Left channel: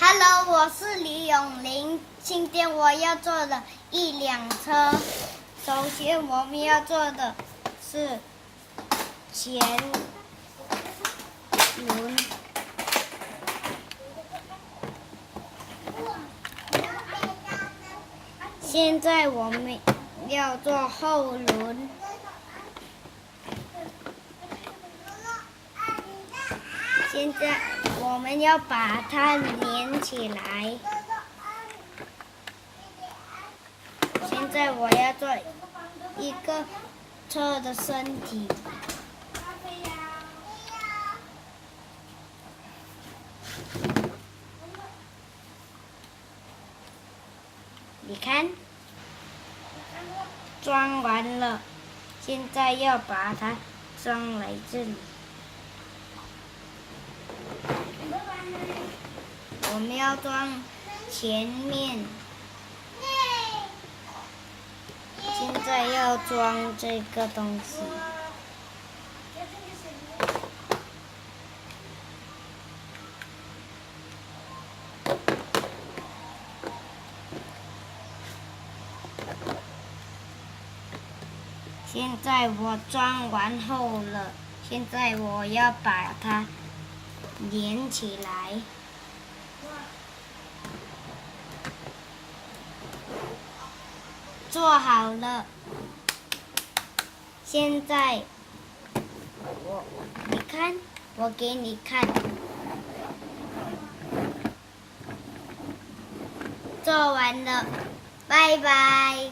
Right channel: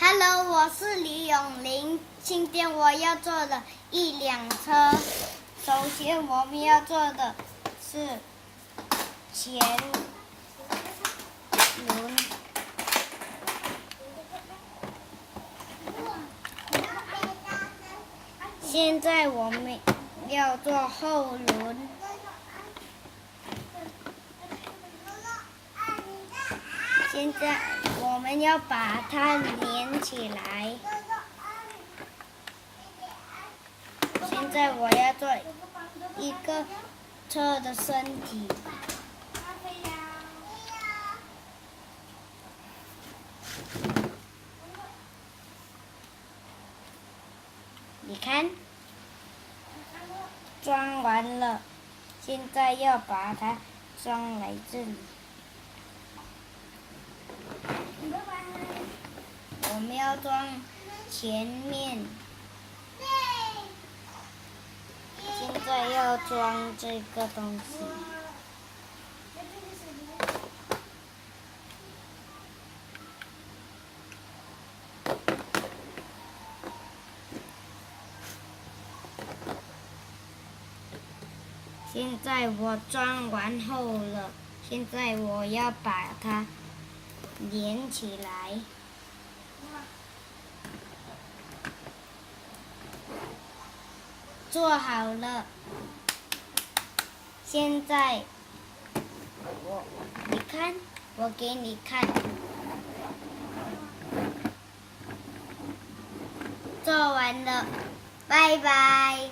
Hello，我是李永林。今天我要做的一辆车。首先，我们要做的是前轮。现在我们要做后轮。现在我们要把它连起来。现在我要做一个车的身体。你看，装完了，现在要把它装来这里。我们要装前面，现在要装这个东西。现在我装完后了，现在我要把它连起来。做好了，现在你看，我给你看，做完了，拜拜。